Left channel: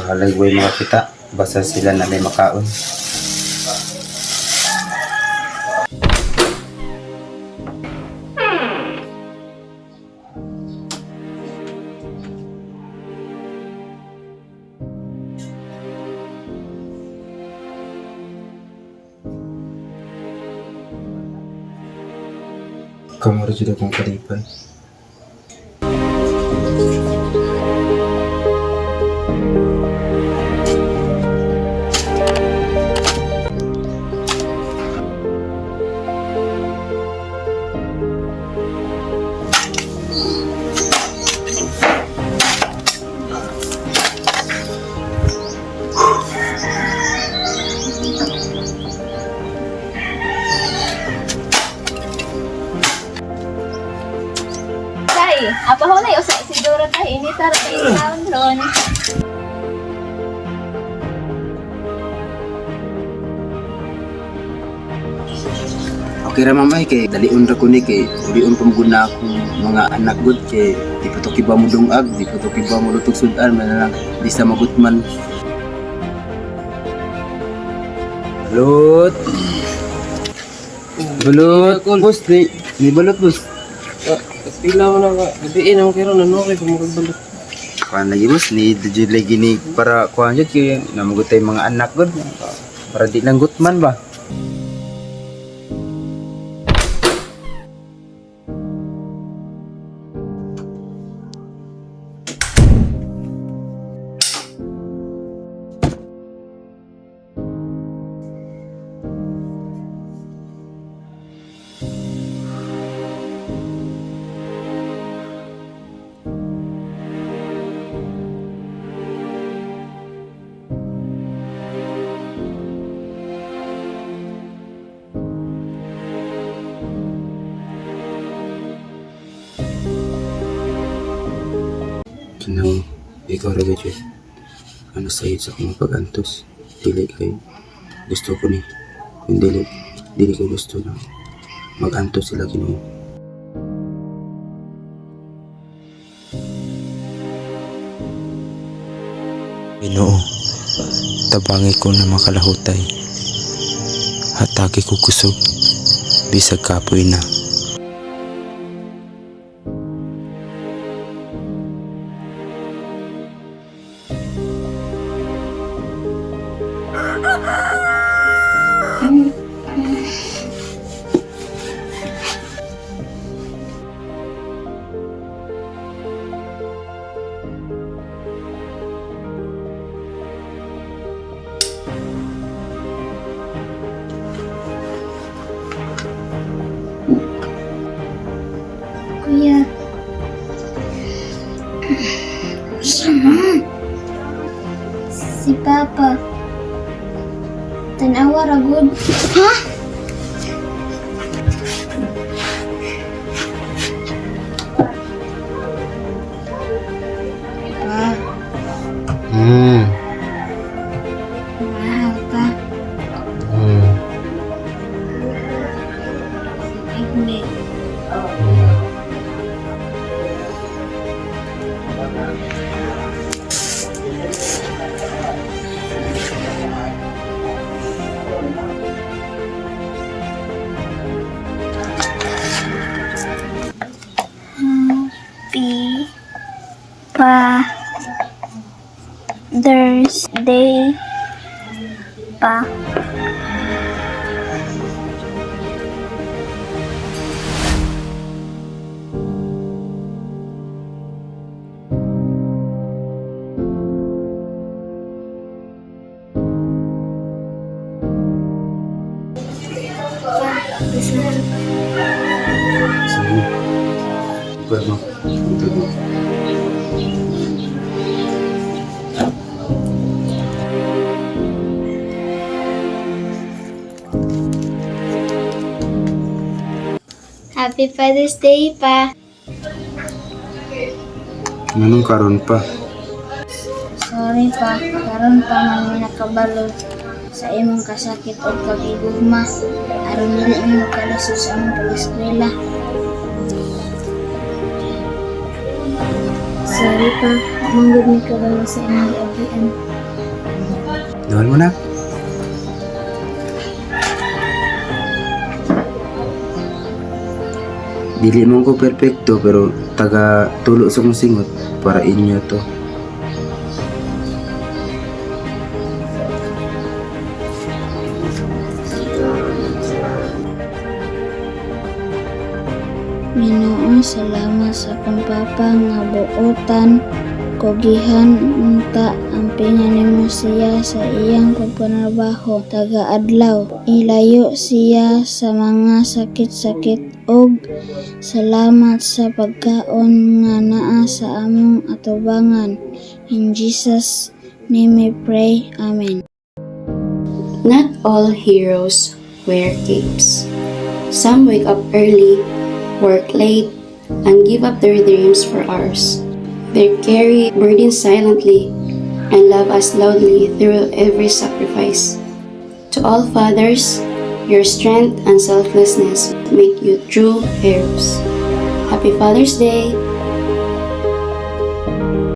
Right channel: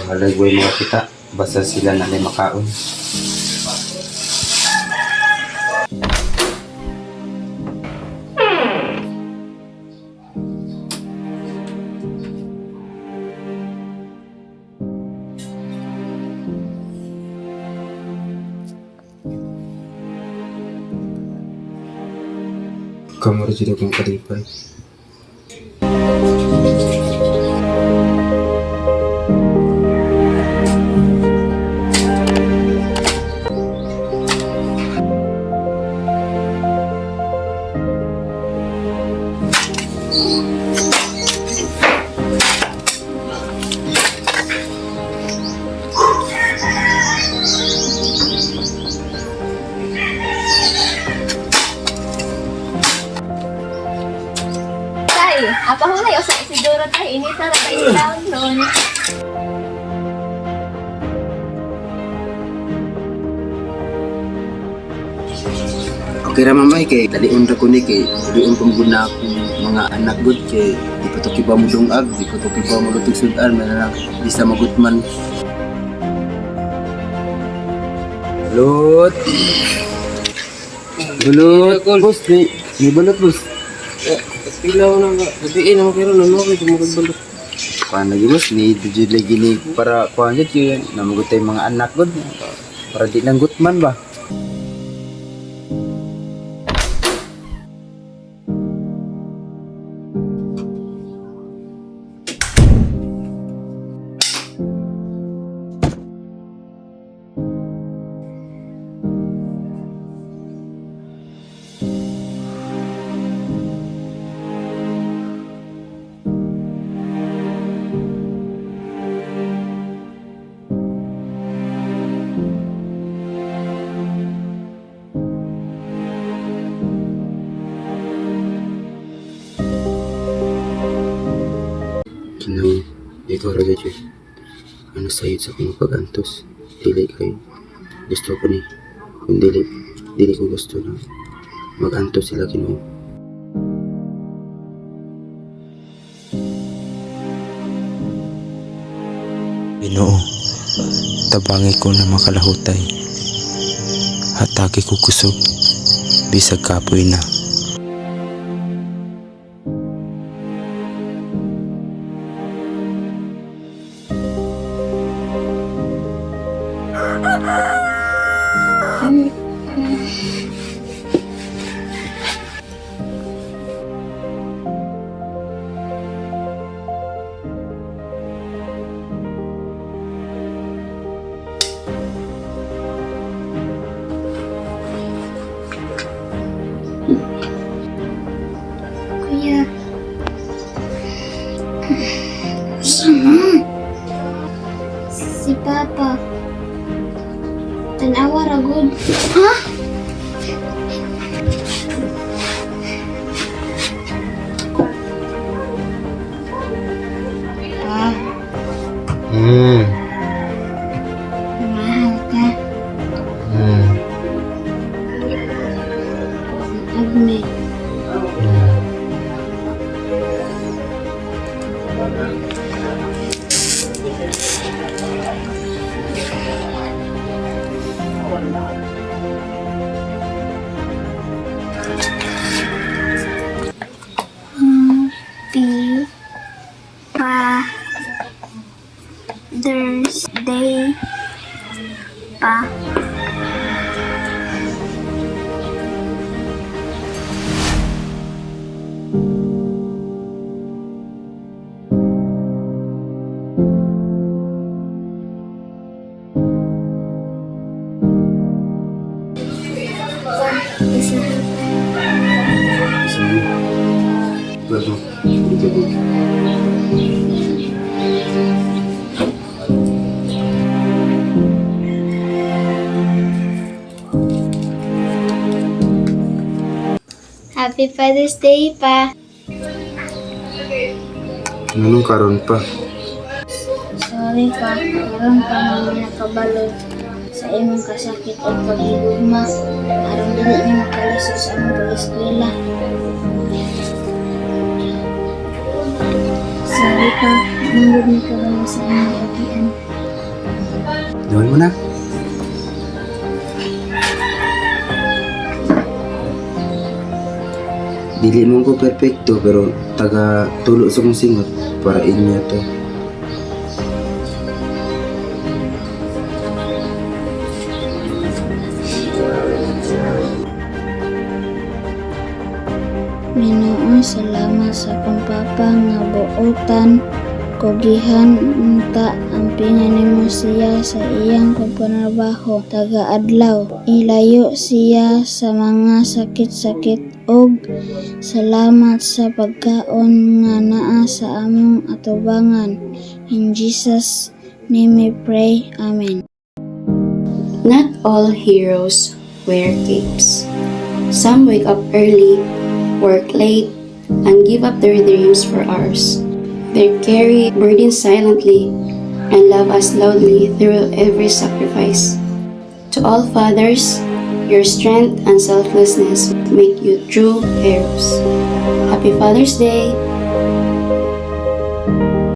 Bahalay way mga kita. Basta sila na may makaon. Kamu sudah kong kalipay. Apa hulay o sa isidoro tayo inita ra tayo down ron. Okay ra mamay kay dalion ra ko ni kay dalion pamuguna akong mga anak gud kay di pa to kiba mo dungag, di pa to kiba mo lutog sudan man lang di sa magutman. Balut. Balut, boss ni balut boss. Pila mo na ka, gabiin naman kayo na kay kumagbalot. Kuan lagi boss ni dujud lagi ni para kuan jud kay namugutay mga anak gud para di lang gutman ba. Ano, ikaw raga dyan. Ano sa'yo sa akong pag-antos? Dili kay gusto ko ni. Kung dili ko gusto na mag-antos sila Ginoo. Ginoo, tabangi ko na makalahutay. Hatagi ko kusog, bisag kapoy na. Kuya. Sama. Si Papa. Tanawa ra gud. Ha? Pa. Mahal ka. Agni. Happy Father's Day pa. Sige. Pwede. Ito. Happy Father's Day pa. Anong karon pa? Sorry pa, karon pa man nakabalo sa imong kasakit o pag-igugma. Aron dili mo makalisod sa among pag-eskwela. Sorry pa, manggod ni kabalo sa imong agian. Dawal mo na. Dili mo ko perfecto pero taga tulo sa kong singot para inyo to. Ginoo, salamat sa akong papa nga buotan kogihan unta ampingan nimo siya sa iyang pagpanarbaho taga-adlaw. Ilayo siya sa mga sakit-sakit og salamat sa pagkaon nga naa sa among atubangan. In Jesus name we pray. Amen. Not all heroes wear capes. Some wake up early, work late, and give up their dreams for ours. They carry burdens silently and love us loudly through every sacrifice. To all fathers, your strength and selflessness make you true heroes. Happy Father's Day!